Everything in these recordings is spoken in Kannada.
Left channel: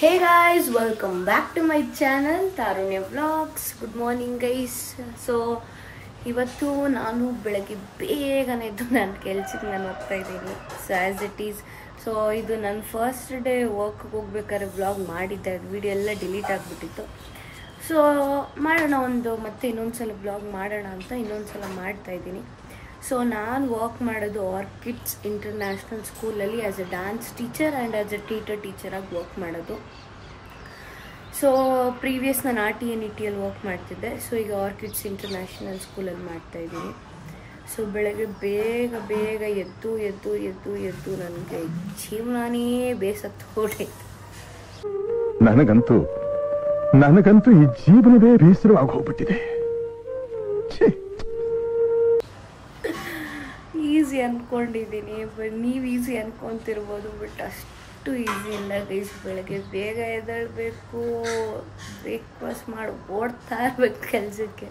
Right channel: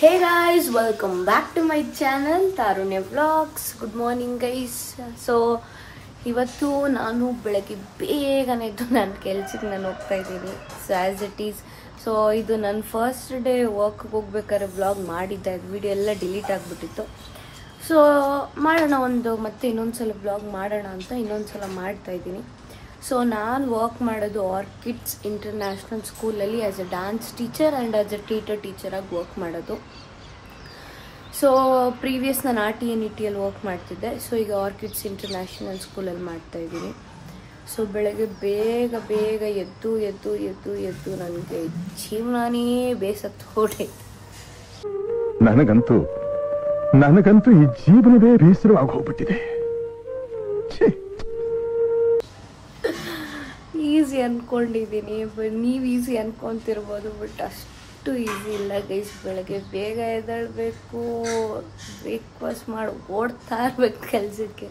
Hey guys, welcome back to my channel Tarunya Vlogs. Good morning guys. So ಇವತ್ತು ನಾನು ಬೆಳಗ್ಗೆ ಬೇಗನೆ ಎದ್ದು ನನ್ನ ಕೆಲಸಕ್ಕೆ ನಾನು ಹೋಗ್ತಾ ಇದ್ದೀನಿ. So as it is, so ಇದು ನನ್ನ ಫಸ್ಟ್ ಡೇ ವರ್ಕ್ ಹೋಗ್ಬೇಕಾದ್ರೆ ವ್ಲಾಗ್ ಮಾಡಿದ್ದೆ. ಅದು ವಿಡಿಯೋ ಎಲ್ಲ ಡಿಲೀಟ್ ಆಗಿಬಿಟ್ಟಿತ್ತು. ಸೊ ಮಾಡೋಣ ಮತ್ತೆ ಇನ್ನೊಂದ್ಸಲ ವ್ಲಾಗ್ ಮಾಡೋಣ ಅಂತ ಇನ್ನೊಂದ್ಸಲ ಮಾಡ್ತಾ ಇದ್ದೀನಿ. ಸೊ ನಾನು ವರ್ಕ್ ಮಾಡೋದು ಆರ್ಕಿಡ್ಸ್ ಇಂಟರ್ನ್ಯಾಷನಲ್ ಸ್ಕೂಲಲ್ಲಿ as a dance teacher and as a ಟೀಚರಾಗಿ ವರ್ಕ್ ಮಾಡೋದು. ಸೊ ಪ್ರೀವಿಯಸ್ ನಾನು RTNETಯಲ್ಲಿ ವರ್ಕ್ ಮಾಡ್ತಿದ್ದೆ. ಸೊ ಈಗ ಆರ್ಕಿಡ್ಸ್ ಇಂಟರ್ನ್ಯಾಷನಲ್ ಸ್ಕೂಲಲ್ಲಿ ಮಾಡ್ತಾ ಇದ್ದೀನಿ. ಸೊ ಬೆಳಗ್ಗೆ ಬೇಗ ಎದ್ದು ನನಗೆ ಜೀವನನೇ ಬೇಸತ್ತು ಹೊರಟೈತೆ. ನನಗಂತೂ ಈ ಜೀವನವೇ ಬೇಸರವಾಗಿ ಹೋಗ್ಬಿಟ್ಟಿದೆ. ಈಸಿ ಅನ್ಕೊಂಡಿದ್ದೀನಿ, ಬಟ್ ನೀವು ಈಸಿ ಅನ್ಕೊಂತಿರ್ಬೋದು, ಬಟ್ ಅಷ್ಟು ಈಸಿ ಇಲ್ಲ ಗೈಸ್. ಬೆಳಗ್ಗೆ ಬೇಗ ಎದ್ದೇಳಬೇಕು, ಬ್ರೇಕ್ಫಾಸ್ಟ್ ಮಾಡಿ ಓಡ್ತಾ ಇರ್ಬೇಕು ಕೆಲಸಕ್ಕೆ.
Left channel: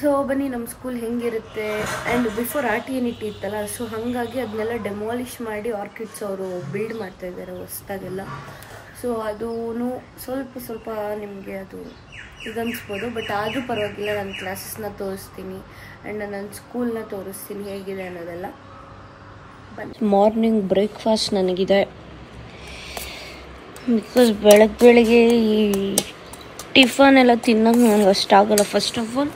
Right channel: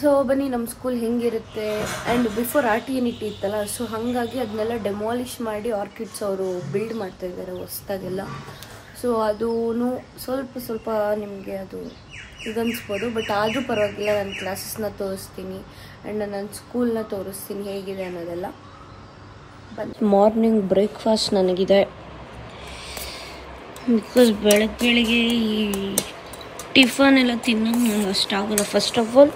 ಸೊ ಬನ್ನಿ ನಮ್ಮ ಸ್ಕೂಲ್ ಹೆಂಗಿರುತ್ತೆ. ಆ್ಯಂಡ್ ಬಿಫೋರ್ RTNET ಇತ್ತಲ್ಲ, ಸೊ ಹಾಗಾಗಿ ಅದನ್ನೆಲ್ಲ ಡೆಮಾಲಿಷ್ ಮಾಡಿ ಆರ್ಕಿಡ್ಸ್ ಅವರು ಬಿಲ್ಡ್ ಮಾಡ್ತಾ ಇದ್ದಾರೆ ಹೊಸದಾಗೆಲ್ಲ. ಸೊ ಅದೂ ಸ್ವಲ್ಪ ನಿಮಗೆ ಅದು ಇದನ್ನಿಸ್ಬೋದು, ಬಟ್ ಆದರೂ ಪರವಾಗಿಲ್ಲ. ನನ್ನ ಕ್ಲಾಸಸ್ನ ತೋರಿಸ್ತೀನಿ ಆ್ಯಂಡ್ ನನ್ನ ಸ್ಕೂಲ್ನ ತೋರಿಸ್ತೀನಿ ಹೇಗಿದೆ ಅನ್ನೋದೆಲ್ಲ. ಮಾರ್ನಿಂಗ್ ಬ್ರೇಕ್ಫಾಸ್ಟ್ ನನಗಿದೆ, ಬಿಕಾಸ್ ಬೆಳಗ್ಗೆ ಈ ಟಿಫನ್ ಎಲ್ಲ ತಿನ್ನೋದು ನನಗೆ ಅಷ್ಟಾಗಲ್ಲ. ಫಸ್ಟ್ ಆಫ್ ಆಲ್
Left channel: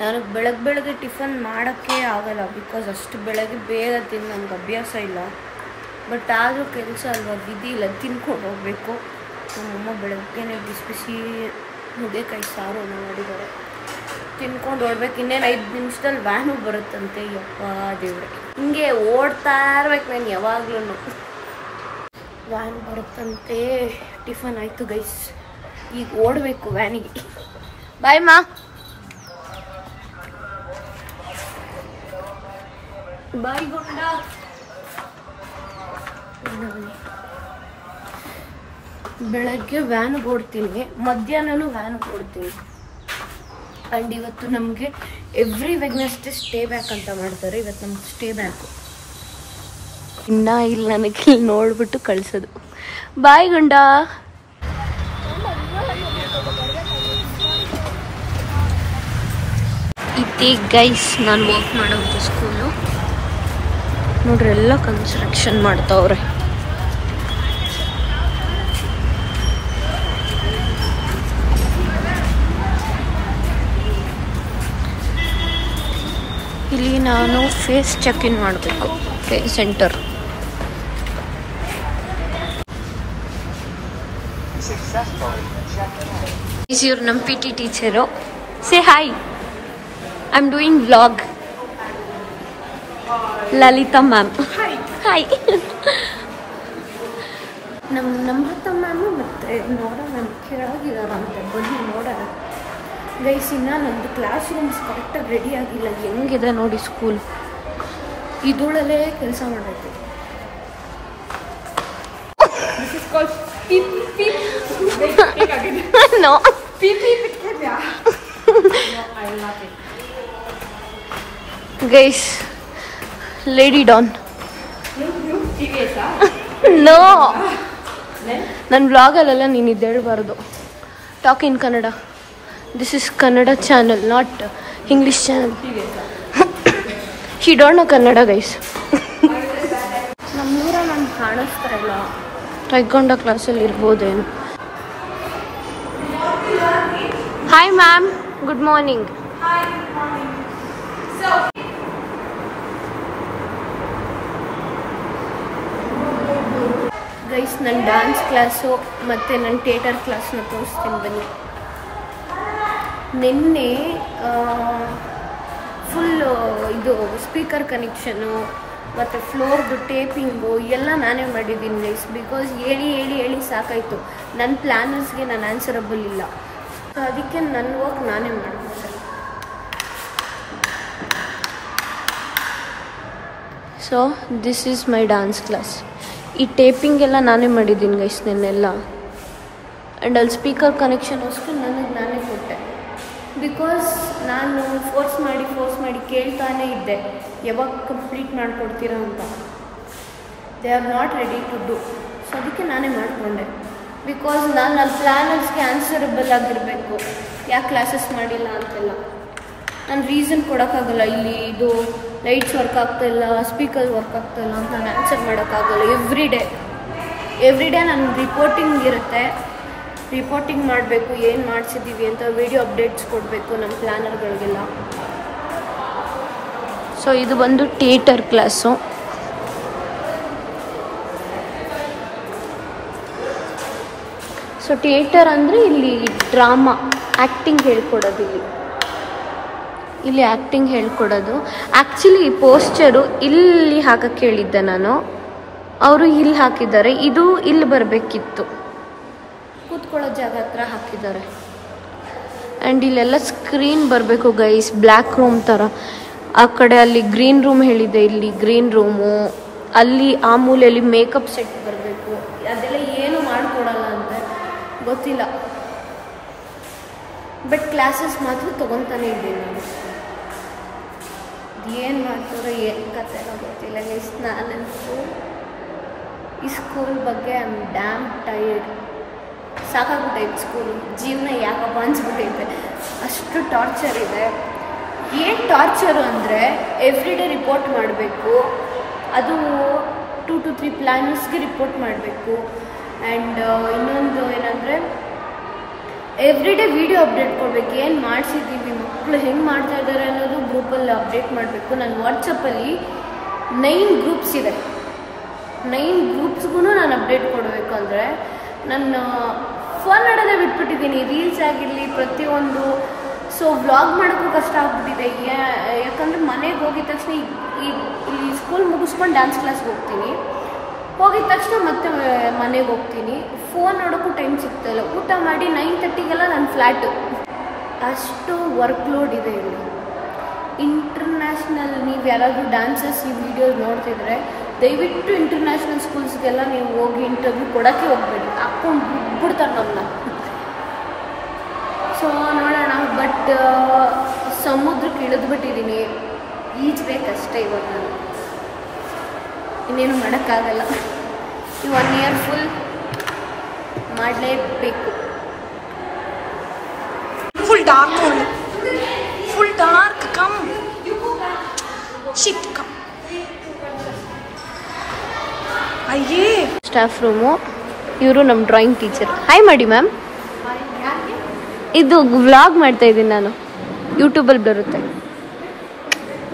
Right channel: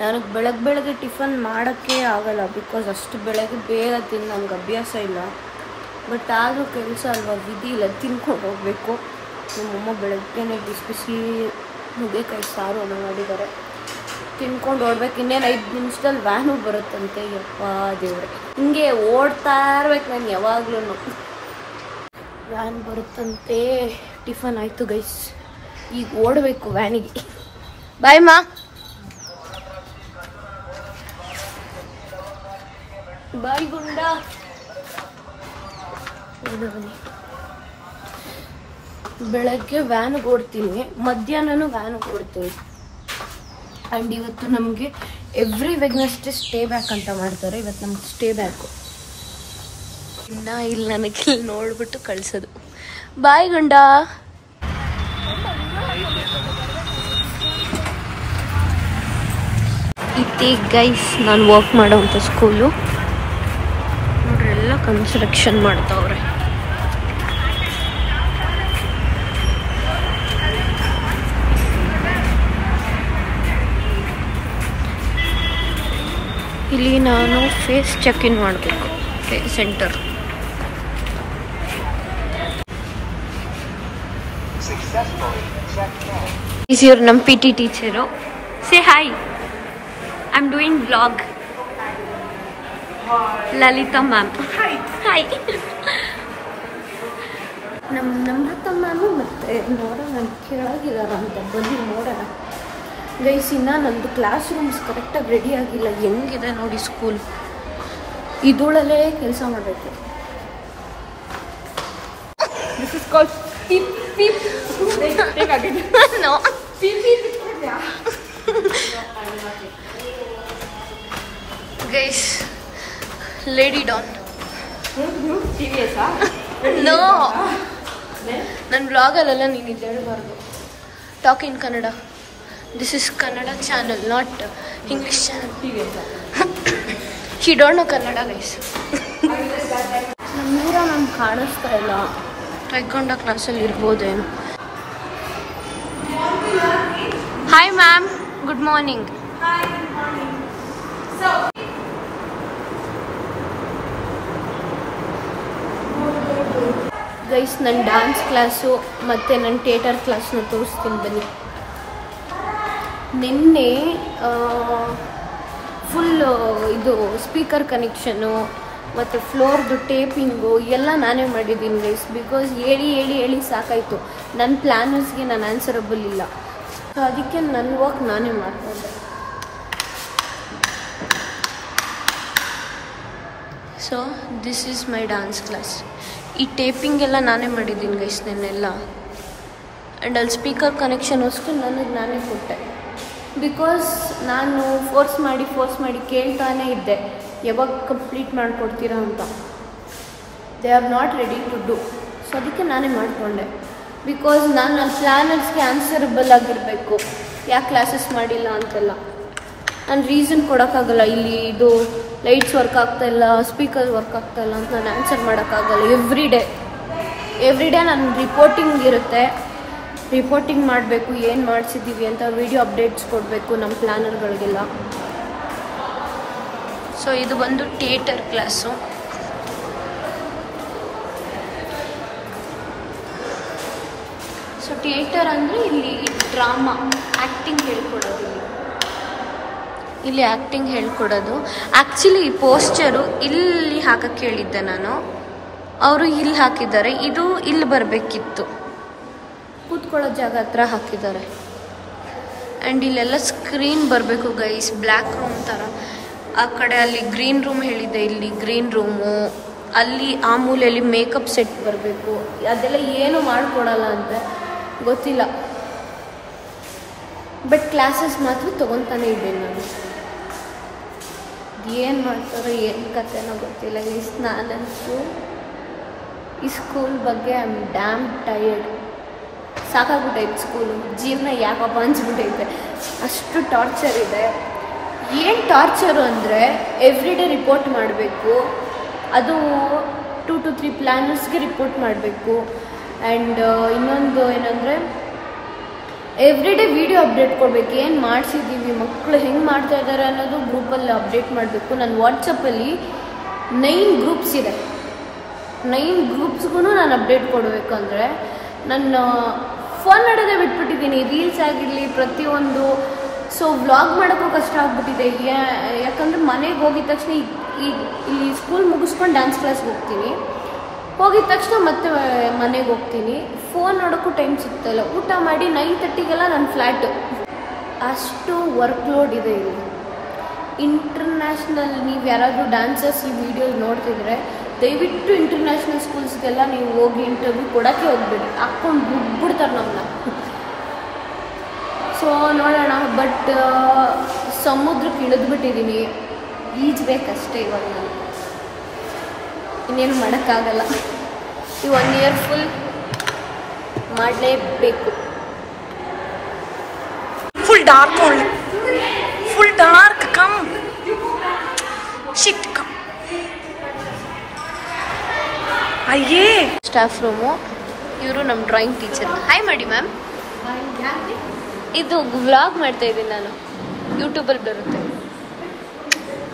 ನಾನು ಬೆಳಗ್ಗೆ ಟಿಫನ್ ಮಾಡೋಕ್ಕೆ ಆಗಲ್ಲ, ಬಿಕಾಸ್ ಅಷ್ಟು ಬೆಳಗ್ಗೆ ಬೇಗ ತಿಂದು ನನಗೆ ಅಭ್ಯಾಸ ಇಲ್ಲ. ಬಟ್ ಆದರೂ ಕೆಲಸ ಅಲ್ವಾ, ವಿಧಿ ಇಲ್ಲ, ತಿನ್ಕೊಂಡು ಹೋಗಬೇಕು. ನಮ್ಮಮ್ಮ ಬೆಳಗ್ಗೆನೇ ಬಿಸಿ ನುಗ್ಗೆಕಾಯಿ ಸಾರು ಮಾಡಿದ್ದಾರೆ, ತಿನ್ಕೊಂಡು ಓಡ್ಬೇಕು. ಇನ್ನೇನು 5 ನಿಮಿಷದಲ್ಲಿ ವ್ಯಾನು ಬರುತ್ತಂತೆ. ಯಪ್ಪ ದೇವ್ರೆ, ಹಿಂಗೆ ಓಡ್ತಾ ಇರ್ಬೇಕು ನಾನು ಯಾವಾಗ್ಲೂ. ವ್ಯಾನ್ ಬರುತ್ತಂತೆ. ಟಿಫನ್ ಆಯಿತು ಗೈಸ್, ಈಗ ಓಡಬೇಕು ವ್ಯಾನಿಗೆ. ಬಾಯ್ ಮಾ. ಬಾಯ್ ಗುಂಡ. ಬೆಳಗ್ಗೆ ವ್ಯಾನಿಗೆ ಓಡ್ತೀನಿ, ಮಧ್ಯಾಹ್ನನೂ ವ್ಯಾನಿಗೆ ಓಡ್ತೀನಿ. ಆ್ಯಂಡ್ ಇವತ್ತು ನಮಗೆ ಎವ್ರಿ ವೆಡ್ನೆಸ್ಡೇ ಸ್ಟೇ ಬ್ಯಾಕ್ ಅಂತ ಮಾಡ್ತಾರೆ. ಇವತ್ತು ನಮ್ಗೆ ಸ್ಟೇ ಬ್ಯಾಕು ಇನ್ನ ಇಲ್ಲಿ ನನಗೆ ಇಲ್ಲಿ ನೋಡ್ಬಿಟ್ಟು ಕಳ್ಸೋದು. ಬಾಯ್ ಗುಂಡ. ಇತ್ತೆ ಗೈಸ್ ನಾನು ವರ್ಕ್ ಮಾಡೋವಂಥ ಸ್ಕೂಲು ನೋಡ್ರಿ, ಎಲ್ಲ ಕನ್ಸ್ಟ್ರಕ್ಷನ್ ಮಾಡ್ತಾವ್ರೆ. ಇಲ್ಲಿ ನಾನು ಫೇಸ್ ಚೆಕ್ ಇನ್ ಮಾಡಬೇಕು, ಫೇಸ್ ಸೆಂಟರ್. ಇವ್ರು ನಮ್ಮ PT teacher. Say hi, I am doing vlog. Lalitha ma'am. Hi. ನಮ್ಮ ನಮ್ರತಾ ಮ್ಯಾಮು ಮತ್ತು ನೋಡ ಮ್ಯಾಮ್ ಕೆಳಗಿದಾರಂತೆ, ಬನ್ನಿ ನೋಡೋಣ ಗೈಸ್. ಇನ್ನು ನಮ್ಮದು ಕ್ಲಾಸ್ ರೂಮ್ಸ್ ಕರೆಕ್ಟಾಗಿ ರೆಡಿ ಆಗಿಲ್ಲ. ಹೆಂಗಿದೆ ನೋಡಿ ಸ್ಕೂಲ್, ಇದೂಳಲ್ಲೇ ಕೆಲಸ ಮಾಡಬೇಕು. Guys lady Don. ನೋ, ನನ್ನ ಬ್ಲಾಗಲ್ಲೆಲ್ಲ ನೀನು ಇದ್ದೇಳಬಾರ್ದು. Talk in Kannada. This is Kannada channel, not English channel. She don't know Kannada guys. ನಮ್ಮೂರ ನಮ್ಗೆ ಕಾಣಿಸ್ತಾ ಇಲ್ಲ. ಟೈಕೊಂಡ ಕ್ಲಾಸಲ್ಲಿ ಇರ್ಬೋದೇನು. Hi ma'am, good morning. Guys ನನ್ನ ಡ್ಯಾನ್ಸ್ ಕ್ಲಾಸು ಮತ್ತು ನನ್ನ ಥಿಯೇಟರ್ ಕ್ಲಾಸ್ನ ತೋರಿಸ್ತೀನಿ ಬನ್ನಿ. ನಿನ್ನೆ ಫುಲ್ ಇದು ಸ್ಪೀಕರ್ ಕನೆಕ್ಷನು ಮತ್ತು ಫ್ಲೋರ್ದು ಟೇಪಿಂಗು ಎಲ್ಲ ನಾನೇ ಮಾಡಿದ್ದೀನಿ ಗೈಸ್. ಬಿಕಾಸ್ ಹೇಳಿ ಸಾಕಾಯಿತು. ನನ್ನ ಪ್ಲ್ಯಾನರ್ಸ್ಗೆ ನಾನು ಆನ್ಸರಬಲ್ ಇಲ್ಲ. ಸೊ ಅದಕ್ಕೆ ನನ್ನ ವರ್ಕ್ ನಾನೇ ಮಾಡ್ಕೊಂಡೆ. So this is my dance class. ಈ ಟೇಪಿಂಗ್ ಎಲ್ಲ ನಾನೇ ಮಾಡಿದ್ದೀನಿ ಗೈಸ್ ನೆನ್ನೆಲ್ಲ. ಆ್ಯಂಡ್ ಅಲ್ಲಿ ಸ್ಪೀಕರ್ ಕನೆಕ್ಷನ್ಸ್ಗೂ ನಾನೇ ಕೊಟ್ಟೆ. ಬಿಕಾಸ್ ನಾನು ಫೋರ್ಸ್ ಮಾಡಿ ಕೇಳ್ತಾನೆ ಇದ್ದೆ, ಯಾವಾಗ ಕಂಪ್ಲೀಟ್ ಮಾಡಿಕೊಡ್ತೀರಾ ಅಂತ. They are not ready to do. So ಅದಕ್ಕೆ ನಾನೇ ಮಾಡಿಕೊಂಡೆ. ಬಿಕಾಸ್ ನನ್ನ ಪ್ಲ್ಯಾನರ್ಸ್ಗೆ ಆನ್ಸರಬಲ್ ಆಗಿರಬೇಕು. ಯಾಕೆ ಕ್ಲಾಸಸ್ ಮಾಡಿಲ್ಲ ಅಂತೆಲ್ಲ ನಾನು ರೀಸನ್ ಕೊಡೋಕ್ಕಾಗಲ್ಲ. ಇಲ್ಲಿ ಇದು ಲೈಟ್ಸ್ ವರ್ಕ್ ಆಗ್ತಾಯಿಲ್ಲ, ಸ್ಪೀಕರ್ ವರ್ಕ್ ಆಗ್ತಾಯಿಲ್ಲ ಅಂತ ನಾನು ಆನ್ಸರ್ ಮಾಡೋಕ್ಕಾಗಲ್ಲ. ಎವ್ರಿ ಡೇ ನನ್ನ ರಿಪೋರ್ಟಿಂಗ್ ಇರುತ್ತೆ. ರಿಪೋರ್ಟಿಂಗ್ ಮಾಡಬೇಕು, ಏನು ಮಾಡಿಸಿದ್ದೀವಿ ಅಂತ ವಿಡಿಯೋ ಅಪ್ಡೇಟ್ಸ್ ಕೊಡಬೇಕು ನಮ್ಮ ಪ್ಲ್ಯಾನರ್ಗಳಿಗೆಲ್ಲ. ಸೊ ಇದು ಬಂದು ಥಿಯೇಟರ್ ಕ್ಲಾಸು. ಸೊ ಥಿಯೇಟರ್ ಅಂದರೆ ಇಲ್ಲಿ ಡ್ರಾಮಾ ಆ್ಯಕ್ಟಿಂಗ್ ಹೇಳ್ಕೊಡೋದು. ಇಲ್ಲಿ ಆ್ಯಕ್ಟಿಂಗ್ ಹೇಳ್ಕೊಡೋದು. ಆ್ಯಕ್ಚುಲಿ ಈ ಪೋಸ್ಚರು ಇಲ್ಲಿ ಹಾಕಕ್ಕೆ ಹೇಳಿದ್ದೆ ನಾನು, ಅವರು ಇಲ್ಲಿ ಹಾಕಿದ್ದಾರೆ. ಇದು ಇಲ್ಲಿ ಬರಬೇಕಿತ್ತು, ಕೂತ್ಕೊಳ್ಳೋ ಜಾಗ ಹತ್ರ ಹಾಕಿದ್ದಾರೆ. ಆ್ಯಂಡ್ ಇಲ್ಲೆಲ್ಲ ಸ್ಕ್ರೀನ್ ಬರಬೇಕು ಗೈಸ್, ಬ್ಲ್ಯಾಕ್ ರೂಮ್ ಥರ. ಆ ಕಡೆ ಅಲ್ಲಿ ಗ್ರೀನ್ ರೂಮ್ ಹೇಳಿದೆ, ಇಲ್ಲಿ ಗ್ರೀನ್ ರೂಮು. ಅಲ್ಲಿ ಆ ಮೂಲೆಯಲ್ಲಿ ಮೇಕಪ್ ಸೆಟ್ ಬರಬೇಕು. ಅದೆಲ್ಲ ಏನು ಮಾಡಿಕೊಡಲ್ಲ ಅಂತೆ, ಗೊತ್ತಿಲ್ಲ. ಬಟ್ ಕ್ಲಾಸಸ್ ಮಾತ್ರ ತೊಗೊತಾನೆ ಇದ್ದೇನೆ ನಾನು. ಏನು ಮಾಡ್ತಾರೋ ಏನು ಕಥೆನೋ ಗೊತ್ತಿಲ್ಲ ಗೈಸ್. ನಾನಂತೂ ಈ ಸ್ಕೂಲ್ ಬಗ್ಗೆ ಐ ಆಮ್ ಡ್ಯಾಮ್ ಟಯರ್ಡ್. ಸಾಕಾಗ್ಬಿಟ್ಟೈತೆ ಸ್ಕೂಲು. ಜೀವನ ಯಾಕಪ್ಪ ಅನ್ಸ್ಬಿಟ್ಟೈತೆ, ಅಷ್ಟು ಟಾರ್ಚರ್ ಇದೆ. ಏನು ಟಾರ್ಚರು ಅಂದರೆ ಎವ್ರಿ ಡೇ ರಿಪೋರ್ಟ್ ಮಾಡಬೇಕು. ಅದು 2 to 3 ಪ್ಲ್ಯಾನರ್ಸ್ಗೆ ರಿಪೋರ್ಟ್ ಮಾಡಬೇಕು. ಆ್ಯಂಡ್ ಇನ್ನೊಂದು ಏನಂದರೆ ಎವ್ರಿ ಡೇ ವಿಡಿಯೋ ಅಪ್ಡೇಟ್ ಕೊಡಬೇಕು. ಏನು ಮಾಡಿಸಿದ್ದೀವಿ, ಮಕ್ಕಳು ಹೆಂಗೆ ಮಾಡ್ತಾ ಇದ್ದಾರೆ ಅನ್ನೋದು ಗ್ರೂಪಲ್ಲಿ ಅಪ್ಡೇಟ್ ಮಾಡಬೇಕು. ನನ್ನ ವಾಟ್ಸಪ್ಪಲ್ಲಿ 9 ಗ್ರೂಪ್ಸ್ ಇದೆ. 9 ಗ್ರೂಪ್ಸ್ಗೂ ನಾನು ಅಪ್ಡೇಟ್ ಕೊಡಬೇಕು. ಅಂದರೆ ನಾನು ಫೋನ್ ಮಾಡೋದೇ ಬಿಟ್ಬಿಟ್ಟಿದ್ದೀನಿ, ರೀಲ್ಸ್ ಆಗಿರಲಿ ಪ್ರತಿಯೊಂದು. ಸೊ ವ್ಲಾಗ್ ಮಾಡೋಕ್ಕೂ ಕಷ್ಟ ಆಗ್ಬಿಟ್ಟಿದೆ. ಯಾಕಂದರೆ ಮನೆಗೆ ಹೋಗಿದ ತಕ್ಷಣ ಇಲ್ಲಿ ಸ್ಕೂಲ್ ಮುಗಿಸ್ಕೊಂಡು ಡ್ಯಾನ್ಸ್ ಕ್ಲಾಸ್ಗೆ ಹೋಗ್ತೀನಿ. ಹೋಗಿದ ತಕ್ಷಣ ಮತ್ತೆ ಮನೆಗೆ ಹೋಗ್ತೀನಿ. ಫೋನ್ ನೋಡೋಕ್ಕೂ ಟೈಮ್ ಸಿಗ್ತಾಯಿಲ್ಲ. ಊಟ ಮಾಡಿ 9:30ಗೆಲ್ಲ ನನ್ನ ಫ್ಲ್ಯಾಟು. ಅಷ್ಟು ವರ್ಕ್ ಲೋಡ್ ಇದೆ ಇಲ್ಲಿ. ಇಂಟರ್ನ್ಯಾಷನಲ್ ನೀವು ಯಾರಾದರೂ ಡ್ಯಾನ್ಸರ್ಸ್ ಈ ವಿಡಿಯೋಸ್ ನೋಡ್ತಿದ್ರೆ ದಯವಿಟ್ಟು ಇಂಟರ್ನ್ಯಾಷನಲ್ ಸ್ಕೂಲ್ಸ್ಗೆಲ್ಲ ನೀವು ಹೋಗಿ ಇಂಟರ್ವ್ಯೂ ಕೊಡೋಕ್ಕೆ ಹೋಗ್ಬೇಡಿ, ಹಾಕ್ಕೊಂಡು ಬಿಡ್ತಾರೆ ನಮ್ಮನ್ನ. ಸೊ ನೋಡೋಣ. ಬಟ್ ಸಮುದ್ರಕ್ಕೆ ಇಳಿದ್ಬಿಟ್ಟಿದ್ದೀನಿ, ಈಜ್ಬೇಕಷ್ಟೇ ಇವಾಗ ನಾನು. ಇನ್ನೇನು ಮಾಡೋಕ್ಕಾಗಲ್ಲ. ಈ 1 year ಫುಲ್ ಮಾಡಲೇಬೇಕು. ಫುಲ್ ಡಾರ್ಕ್ ಒಳ್ಳೆ, full dark. Come shit come. ಅಯ್ಯೇ ಸ್ಟಾಫ್ ರೂಮು. ಇವರು ನಮ್ಮ ಡ್ರಾಯಿಂಗ್ ಟೀಚರ್. ಹಾಯ್ ಮಾಡಿ ಮ್ಯಾಮ್. ಇದು ವ್ಲಾಗ್ ಮಾಡ್ತಾ ಇದ್ದೀನಿ ನಾನು, ಯೂಟ್ಯೂಬಲ್ಲಿ ಬರುತ್ತೆ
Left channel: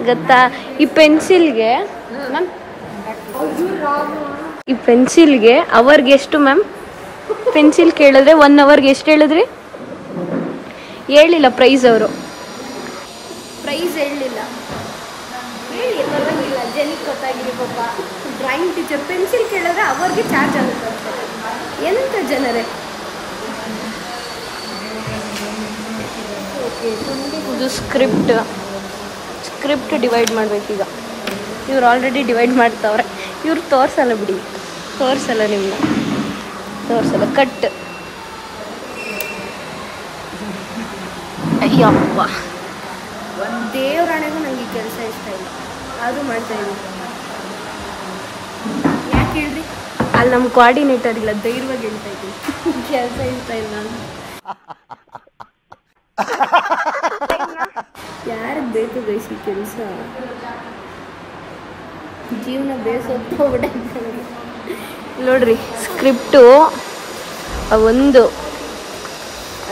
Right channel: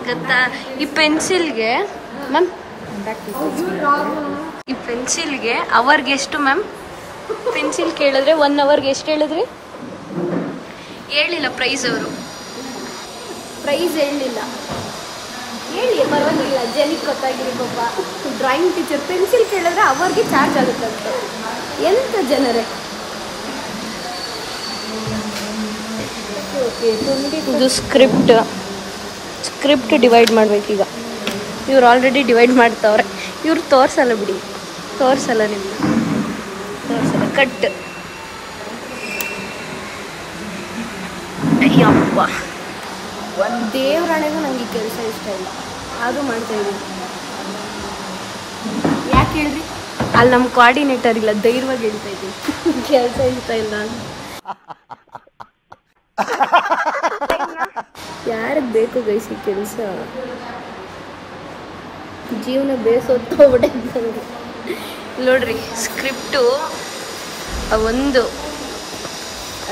ಗೊತ್ತಾ. ಈ ಪೆನ್ಸಿಲ್ಗೆ ಮ್ಯಾಮ್, ಈ ಪೆನ್ಸಿಲ್ಗೆ ಅವರ್ಗೆ ಎಷ್ಟು ಮ್ಯಾಮ್? ಪೆನ್ಸಿಲ್ ಕೇಳಿದ್ರೆ 1 hourಗೆ ಎಷ್ಟು ಹೇಳಿದ್ರಿ? ಹೇಳಿಲ್ಲ ಪ್ರೈಸ್. ಅವರು ಪ್ರೈಸ್ ಹೇಳಲಿಲ್ಲ. ಹೇಳಿ ಪರವಾಗಿಲ್ಲ, ಜನ ಗೊತ್ತಾಗಿರಿ ಪಾಪ. ಡ್ರಾಯಿಂಗ್ ಟೀಚರ್ ಪೆನ್ಸಿಲ್ ಕೇಳಿದ್ರೆ ಅವರ್ಗೆ ಚಾರ್ಜ್ ಆಗುತ್ತೆ ಅಂತ. ಎಂಥ ಜನರೇ. ಇದು ಸ್ಕ್ರಿಪ್ಟ್ ಡಿವೈಡ್ ಮಾಡ್ಬೇಕೀಗ. ಇವ್ರು ಆಲ್ರೆಡಿ ಡಿವೈಡ್ ಮಾಡ್ತಾವ್ರೆ. ಇವ್ರು ತೋರಿಸಲ್ಲ ಬಿಡಿ, ತೋರಿಸಲ್ಲ ನಿಮ್ಮನ್ನ, ತೋರಿಸಲ್ಲ. ಕಟ್. ಅಯ್ಯಪ್ಪ, ದೇವರಾಣೆಗೂ ನನಗೆ ಕೆಲಸ ಇಷ್ಟ ಇಲ್ಲ, ಆದರೂ ಮಾಡ್ತಾ ಇದ್ದೀನಿ. ಯಾಕೆ ಹೇಳ್ರಿ? ಅಲ್ಲಿ ನಮ್ಮ ಕೋಆರ್ಡಿನೇಟರ್ ಇಲ್ಲ, ಧೈರ್ಯವಾಗಿ ಹೇಳ್ತಾ ಇದ್ದೀನಿ ಕೆಲಸ ಇಷ್ಟ ಇಲ್ಲ ಅಂತ. ಯಾರಿಗೆ ಬೇಕು ಗೈಸಿ ಕೆಲಸ? ಜೀವನ ಬೇಸೋಗ್ಬಿಟ್ಟೆ ನೋಡ್ರಿ. ಸ್ಕ್ರಿಪ್ಟು 1,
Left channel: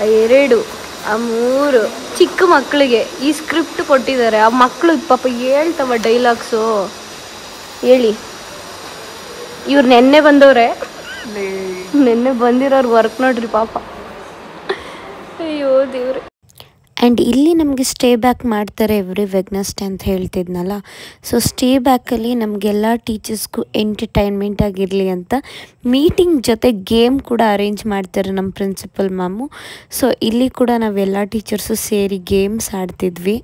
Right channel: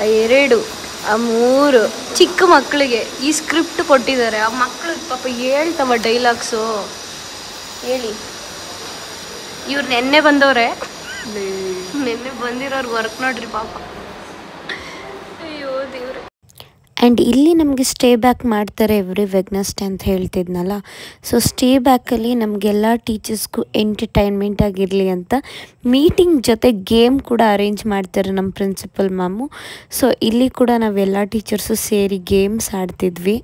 2, 3 ಚಿಕ್ಕ ಮಕ್ಕಳಿಗೆ ಈ ಸ್ಕ್ರಿಪ್ಟ್ ಕೊಟ್ಟಿದ್ದಾರೆ. ಆ ಮಕ್ಕಳು ಪಾಪ ಹೇಳ್ತವ ಡೈಲಾಗ್ಸು. ಹೇಳಿ. ಇವ್ರು ನೆನ್ನೆ ಬಂದವ್ರೆ, ನೆನ್ನೆ ಬಂದಿರೋರು ವರ್ಕ್ ನೋಡ್ರಿ ಪಾಪ. ಅಯ್ಯೋ ದೇವ್ರೆ. ಆ್ಯಂಡ್ ಇಲ್ಲಿ ನಮಗೆ ಸ್ಟೇ ಬ್ಯಾಕ್ ಮಾಡ್ತಾರೆ ಎವ್ರಿ ವೆಡ್ನೆಸ್ಡೇ ಅಂತ ಹೇಳ್ತಿದ್ನಲ್ಲ. ಸೊ ಸ್ಟೇ ಬ್ಯಾಕಲ್ಲಿ ನಮಗೆಲ್ಲ ಟೀಚರ್ಸ್ಗೂ ಎಂಟರ್ಟೈನ್ಮೆಂಟ್ ಆಗಿರಲಿ ಅಂತ ಮೀಟಿಂಗ್ ಜೊತೆ ಗೇಮ್ ಕೂಡ ಅರೇಂಜ್ ಮಾಡ್ತಾರೆ ನಮ್ಮ ಪ್ರಿನ್ಸಿಪಲ್ ಮ್ಯಾಮು. ಸೊ ಇಲ್ಲಿ ಕೂಡ ನಾವೆಲ್ಲ ಟೀಚರ್ಸು ಸೇರಿ ಗೇಮ್ಸ್ ಆಡ್ತಿದ್ವಿ.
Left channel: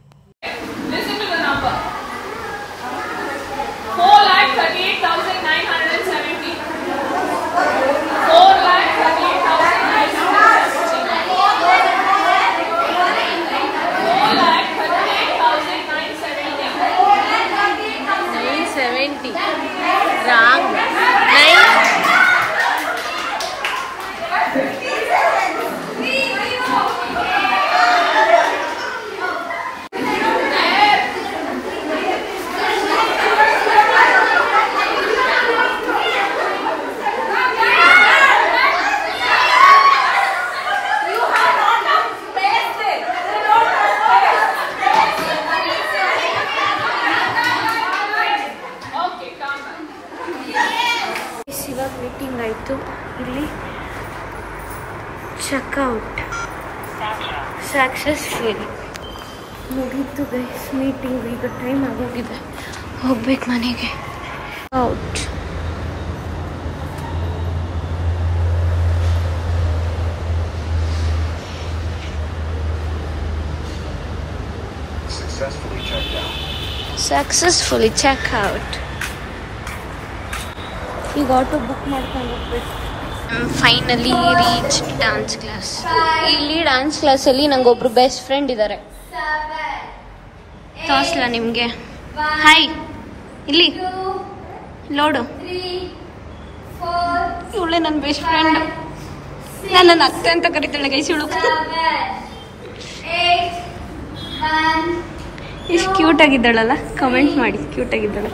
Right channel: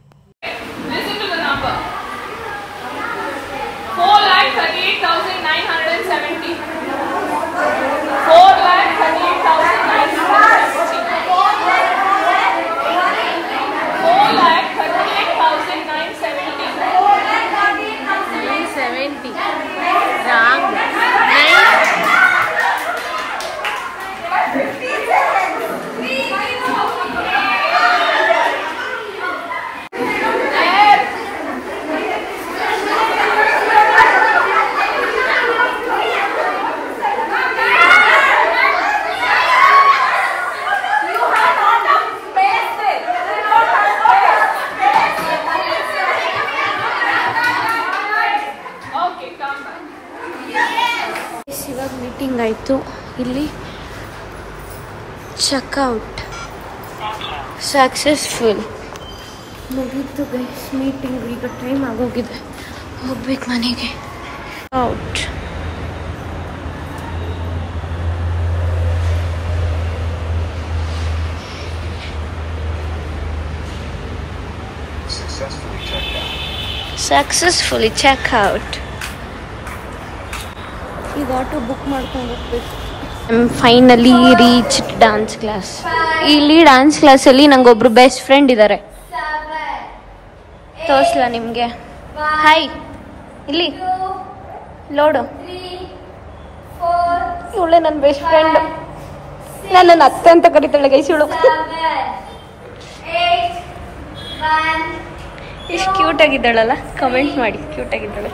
ಇಲ್ಲಿ ಚೆಕ್ಔಟ್ ಸಕ್ಸಸ್ಫುಲ್ ಮುಗೀತು ಗೈಸ್ ಮೀಟಿಂಗ್. ಈಗ ಟೈಮ್ ಆಗೋಗಿದೆ, ಹೋಗ್ಬೇಕು ಮನೆಗೆ. Out successfully checkout. ಈಗ ಆಟೋ ಬುಕ್ ಮಾಡ್ಕೊಂಡು ಹೋಗ್ಬೇಕು. Finally reach dance class. ಇಲ್ಲಿ ಡಾನ್ಸ್ ಕ್ಲಾಸಲ್ಲಿ ನಂಗೊಬ್ರು ಬೆಸ್ಟ್ ಫ್ರೆಂಡ್ ಇದ್ದಾರೆ. ತೋರಿಸ್ಲಾ ನಿಮಗೆ? ಹಾಯ್, ಇಲ್ಲಿ ಲೋಡು. ಇವಳೆ ನನ್ನ ಬೆಸ್ಟ್ ಫ್ರೆಂಡ್. ನಾನು ನನ್ನ ಅತ್ತೆ ಅಂತ ಕರಿತಾಳೆ ಗೈಸ್ ಇವಳು. ಎಷ್ಟು ಕ್ಯೂಟ್ ಆಗಿದ್ದಾಳಲ್ಲ, ಕಮೆಂಟ್ ಮಾಡಿ. ಕ್ಯೂಟ್ ಆಗಿದ್ದಾಳೆ.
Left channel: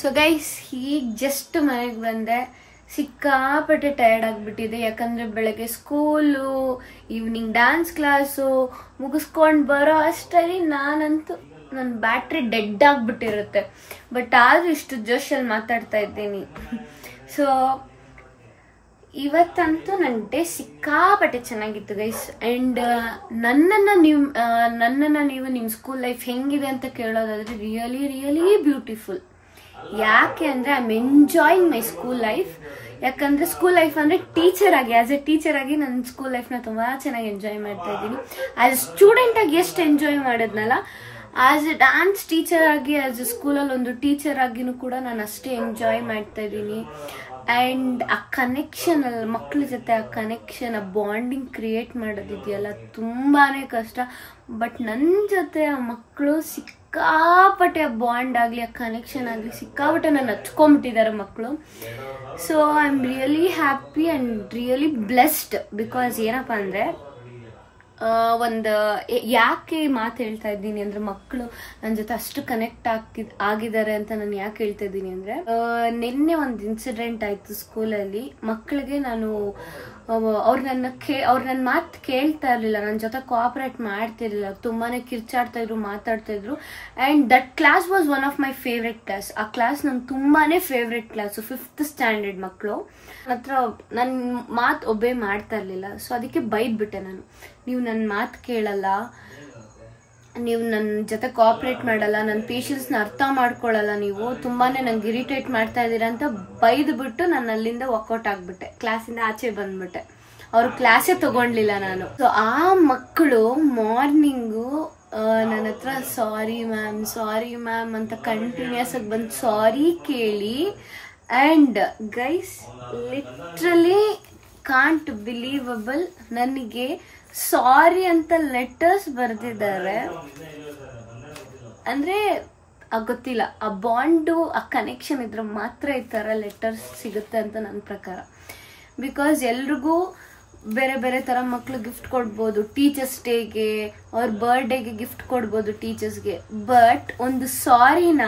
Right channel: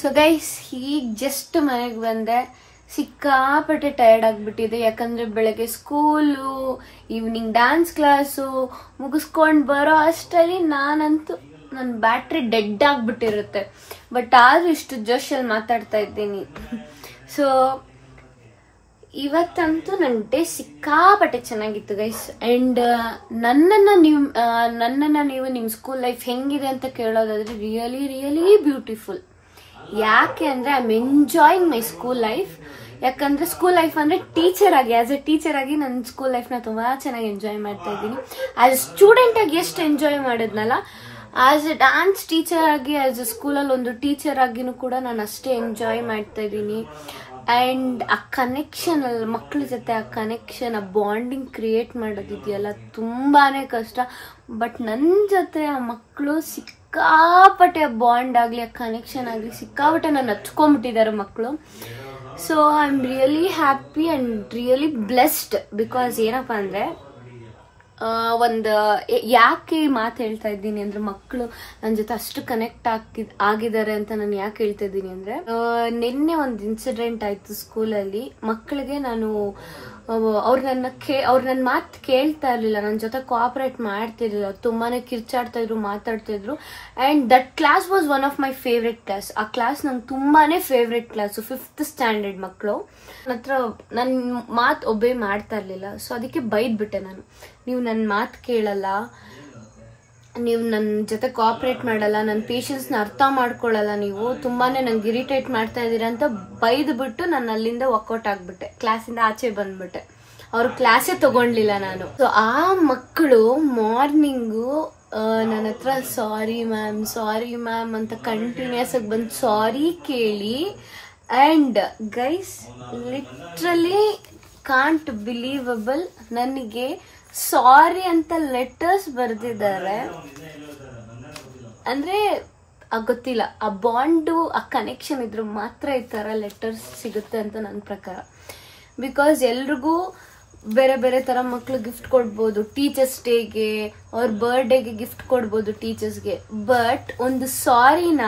ಸೊ ಗೈಸ್, ಈಗ ಜಸ್ಟ್ ಮನೆಗೆ ಬಂದೆ. ಸಿಕ್ಕಾಪಟ್ಟೆ ಟಯರ್ಡ್ ಆಗ್ಬಿಟ್ಟಿದೆ. ಯಾಕಂದ್ರೆ ಬೆಳಗ್ಗೆ ಸ್ಕೂಲು, ಈವ್ನಿಂಗ್ ಡ್ಯಾನ್ಸ್ ಕ್ಲಾಸು ಮುಗಿಸ್ಕೊಂಡು ಬರೋ ಅಷ್ಟರಲ್ಲಿ ನಾನಂತೂ ನನ್ನ ಬ್ಯಾಟ್ರಿ ಡೆಡ್ ಆಗ್ಬಿಟ್ಟಿರುತ್ತೆ. ಬಟ್ ಆದ್ರೂ ಇಷ್ಟು ಜೋಶಲ್ಲಿ ಮಾತಾಡ್ತಾ ಇದ್ದೀನಿ. ಸೊ ಇವತ್ತಂತೂ ನನ್ನ ಡೇ ಸಿಕ್ಕಾಪಟ್ಟೆ ಚೆನ್ನಾಗಿತ್ತು ಗೈಸ್. ಅಂಡ್ ನನ್ನನ್ನ ನೀವು ನಿಮ್ ಸ್ಕೂಲ್ ಲೈಫ್ ಹೆಂಗಿದೆ ಅಂತ ಕೇಳೋದಾದ್ರೆ ರಿಯಲಿ ರಿಯಲಿ ಬ್ಯೂಟಿಫುಲ್. ಯಾಕೆ ಅಂದ್ರೆ I am enjoying my school life. ಯಾಕಂದ್ರೆ ಸ್ಕೂಲ್ ಲೈಫ್ ಅಂದ್ರೆ ಟೀಚರ್ ಆಗಿ, ಆಸ್ ಎ ಟೀಚರ್ ಆಗಿ ನನ್ನ ಸ್ಕೂಲ್ ಲೈಫ್ ನ ತುಂಬಾ ಚೆನ್ನಾಗಿ ಎಂಜಾಯ್ ಮಾಡ್ತಾ ಇದ್ದೀನಿ. ಆಸ್ ಎ ಸ್ಟೂಡೆಂಟ್ ಆಗಿ ಎಷ್ಟು ಎಂಜಾಯ್ ಮಾಡಿದ್ನಲ್ಲ, ಆಸ್ ಎ ಡಾನ್ಸ್ ಟೀಚರ್ ಆಗಿ, ಆಸ್ ಎ ಸ್ಕೂಲಲ್ಲಿ ಒಂದು ಟೀಚರ್ ಆಗಿನೂ ಕೂಡ ನಾನು ಅಷ್ಟೇ ಎಂಜಾಯ್ ಮಾಡ್ತಾ ಇದ್ದೀನಿ. ಅಂಡ್ ಆ ಕನೆಕ್ಷನ್, ಮಕ್ಳ ಜೊತೆ ಆ ಕನೆಕ್ಷನ್, ಆ ಬಾಂಡಿಂಗ್ ಕ್ರಿಯೇಟ್ ಮಾಡೋದಿದೆಯಲ್ಲ ತುಂಬಾನೇ ಕಷ್ಟ. ಬಟ್ ನನ್ನ ಜೊತೆ ಆ ಮಕ್ಕಳು ಸಿಕ್ಕಾಪಟ್ಟೆ ಆ ಬಾಂಡ್ ಆಗ್ಲಿ, ಆ ಕನೆಕ್ಷನ್ ಆಗ್ಲಿ ಸಿಕ್ಕಾಪಟ್ಟೆ ನಾನು ಹಚ್ಕೊಂಡ್ಬಿಟ್ಟಿದ್ದಾರೆ ಮಕ್ಕಳು. So I am really happy and really blessed. Because ಏನಪ್ಪಾ ಅಂದ್ರೆ, ಯಾಕೆ ಮಾತು ಹೇಳ್ತಾ ಇದ್ದೀನಿ ಅಂದ್ರೆ, ಮಕ್ಕಳು ನನ್ನ ಜೊತೆ ಅಷ್ಟು ಕನೆಕ್ಟ್ ಆಗಿದ್ದಾರೆ ಅಂತ ನಾನು ಯಾಕೆ ಹೇಳ್ತಾ ಇದ್ದೀನಿ ಅಂದ್ರೆ, ನಿನ್ನೆ ಒಂದು ಇನ್ಸಿಡೆಂಟ್ ಆಯ್ತು ಸ್ಕೂಲಲ್ಲಿ. ಮಕ್ಕಳಿಗೆ ನಾನು ಅವ್ರು ನನ್ನ ಮಾತು ಕೇಳ್ತಾ ಇರ್ಲಿಲ್ಲ, ನನ್ನ ಜೊತೆ ಕೋಆಪರೇಟ್ ಮಾಡ್ತಿರ್ಲಿಲ್ಲ, ತುಂಬಾನೇ ಕಿರ್ಚಾಡ್ತಾ ಇದ್ರು, ಮಾತಾಡ್ತಾ ಇದ್ರು. And that class was one of my favourite class. ಆ ಕ್ಲಾಸ್ ನಂಗೆ ತುಂಬಾನೇ ಫೇವ್ರೆಟ್ ಕ್ಲಾಸ್. 5th ಸ್ಟ್ಯಾಂಡರ್ಡ್ ಮಕ್ಕಳು ಹತ್ರ ನನ್ನ ಮಾತು ಒಬ್ಬೇ ಮಾಡ್ತಾ ಇರ್ಲಿಲ್ಲ. ಸೊ ಅದಕ್ಕೆ ಬೈದ್ಬಿಟ್ಟೆ ನಾನು, ನೀವು ನನ್ನ ಮಾತು ಕೇಳಲ್ಲ, ನೀವು ನನ್ನ ಜೊತೆ ಕೋಆಪರೇಟ್ ಮಾಡಲ್ಲ, ನನ್ನ ಪೇಷನ್ಸ್ ನ ಅರ್ಥ ಮಾಡ್ಕೊಳ್ಳಲ್ಲ, ನೀವು ತುಂಬಾನೇ ನಂಗೆ ಇರಿಟೇಟ್ ಮಾಡ್ತಾ ಇದೀರಾ ಅಂತ ಬೈದ್ಬಿಟ್ಟು ನಾನು ಅಲ್ಲಿಂದ ವಾಕೌಟ್ ಆಗ್ಬಿಟ್ಟೆ, ಕ್ಲಾಸಿಂದ ಆಚೆ ಬಂದ್ಬಿಟ್ಟೆ. ಅವ್ರು ಕ್ಲಾಸೇ ತಗೊಂಡ್ಲಿಲ್ಲ ನಾನು. ಸೊ ಆ ಮಕ್ಕಳು ಮಾರ್ನಿಂಗು ನನ್ನ ಹತ್ರ ಸಾರಿ ಮ್ಯಾಮ್ ಅಂತ ಕಂಟಿನ್ಯೂಸ್ ಆಗಿ ಬಂದು ಸಾರಿ ಕೇಳಿ. And guys, literally can't believable, ನನಗೆ ಸಾರಿ ಅಂತ ಲೆಟರ್ಸ್ ಬರೆದಿದ್ದಾರೆ. ಅಂದ್ರೆ ಗೊತ್ತಿಲ್ಲ, ಆ ಬಾಂಡು, ಆ ಕನೆಕ್ಷನ್ ಇದ್ರೆ ಮಾತ್ರ ಈ ತರ ಲೆಟರ್ಸ್ ಸಿಗುತ್ತೆ ಅಂತ ನನ್ನ ಪ್ರಕಾರ. ಬಿಕಾಸ್ ಎಲ್ರಿಗೂ ಬೇರೆ ಬೇರೆ ತರ ಮಕ್ಳು ಗಿಫ್ಟ್ ಕೊಡ್ಬೋದು, ಟೀಚರ್ಸ್ ಡೇಗೆ, ಅವ್ರ ಬರ್ಡೇಗೆ ಗಿಫ್ಟ್ ಕೊಡ್ಬೋದು ಟೀಚರ್ಸ್ಗೆ. ಬಟ್ ಒಂದು ಸಾರಿನ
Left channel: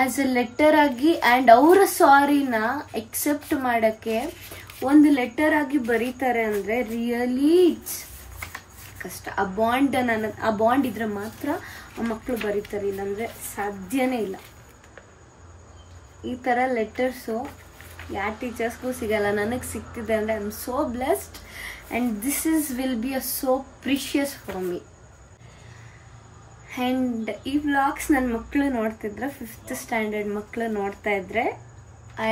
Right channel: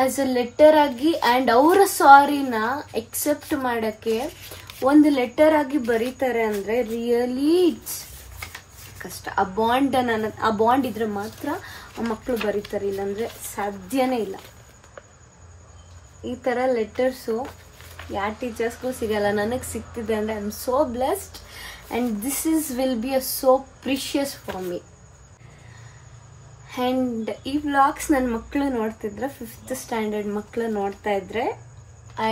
ಆಸ್ ಅ ಲೆಟರ್ ಆಗಿ ಅಂಡ್ ಅವರ ಸಾರಿನ ಎಕ್ಸೆಪ್ಟ್ ಮಾಡಕ್ಕೆ ಒಂದು ಲೆಟರ್ ಆಗಿ ಬರೀತಾರೆ ಅಂದ್ರೆ ರಿಯಲಿ ಕಷ್ಟ. ಆ ಬಾಂಡ್ ಇದ್ರೆ ಮಾತ್ರ ಆ ಮಕ್ಕಳು ಬರೀತಾರೆ, ಇಲ್ಲಾಂದ್ರೆ ಸಾಧ್ಯನೇ ಇಲ್ಲ. ಈ ತರ ಲೆಟರ್ಸು ಯಾವ ಟೀಚರ್ಸ್ಗೂ ಸಿಗಲ್ಲ, ನನಗೆ ಸಿಗ್ತಿದೆ ಅಂದ್ರೆ I am so blessed. And this will be a so precious for me. And ಈ ವ್ಲಾಗ್ಸ್ ನನ್ನ ಮಕ್ಕಳು ನೋಡ್ತಿದ್ರೆ, 5th ಸ್ಟ್ಯಾಂಡರ್ಡ್ ಮಕ್ಕಳು ನೋಡ್ತಾ ಇದ್ರೆ,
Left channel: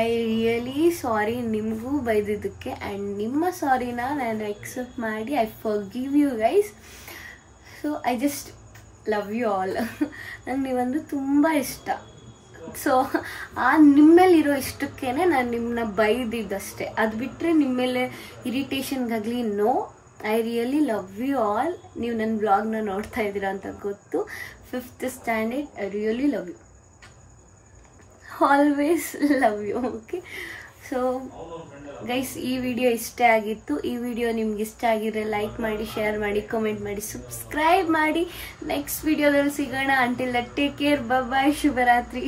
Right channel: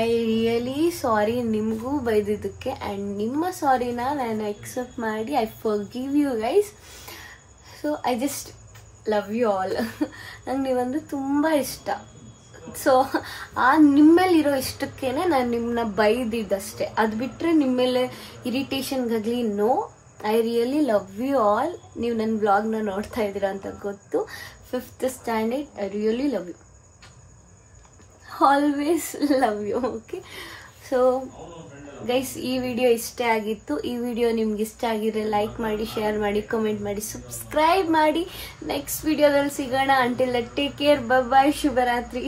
ಐ ರಿಯಲಿ ಸಾರಿ ನಿಮಗೂ ಬೈದಿದ್ದಕ್ಕೆ. ಅಂಡ್ ನಿಮ್ಮ ಸಾರಿನ ನಾನು ಎಕ್ಸೆಪ್ಟ್ ಮಾಡಿ I forgive you guys. So I just love you all. ನಂಗೆ ನೀವಂದ್ರೆ ತುಂಬ ಇಷ್ಟ. ಸೊ ಆ ನಿಮ್ಮೇಲಿರೋ ಇಷ್ಟಕ್ಕೇನೆ ನಾನು ನಿಮ್ಮನ್ನ ಬೈದಿದ್ದಷ್ಟೇ. ಅದು ಬಿಟ್ಟರೆ ನಿಮ್ಮೇಲೆ ಇರಿಟೇಷನ್ಗಾಗಲಿ no. I really love you all. ನೀವು ನನ್ನ ಬ್ಲಾಗ್ನ ನೋಡ್ತಾ ಇದ್ದೀರಾ ಅಂತ ಗೊತ್ತು. 5th standard, I really love you. Always love you. Okay, so guys, ಈ ವಿಡಿಯೋ ಇಷ್ಟ ಆಗಿತ್ತು. ಈ ವಿಡಿಯೋ ನಿಮ್ಗೆ ಇಷ್ಟ ಆಗಿದ್ರೆ ಲೈಕ್ ಮಾಡಿ, ಶೇರ್ ಮಾಡಿ, ಕಮೆಂಟ್ ಮಾಡಿ, ಸಬ್ಸ್ಕ್ರೈಬ್ ಮಾಡಿ. ನೆಕ್ಸ್ಟ್ ವಿಡಿಯೋದಲ್ಲಿ ಸಿಗೋಣ. Until that take care, bye bye, ಶುಭರಾತ್ರಿ.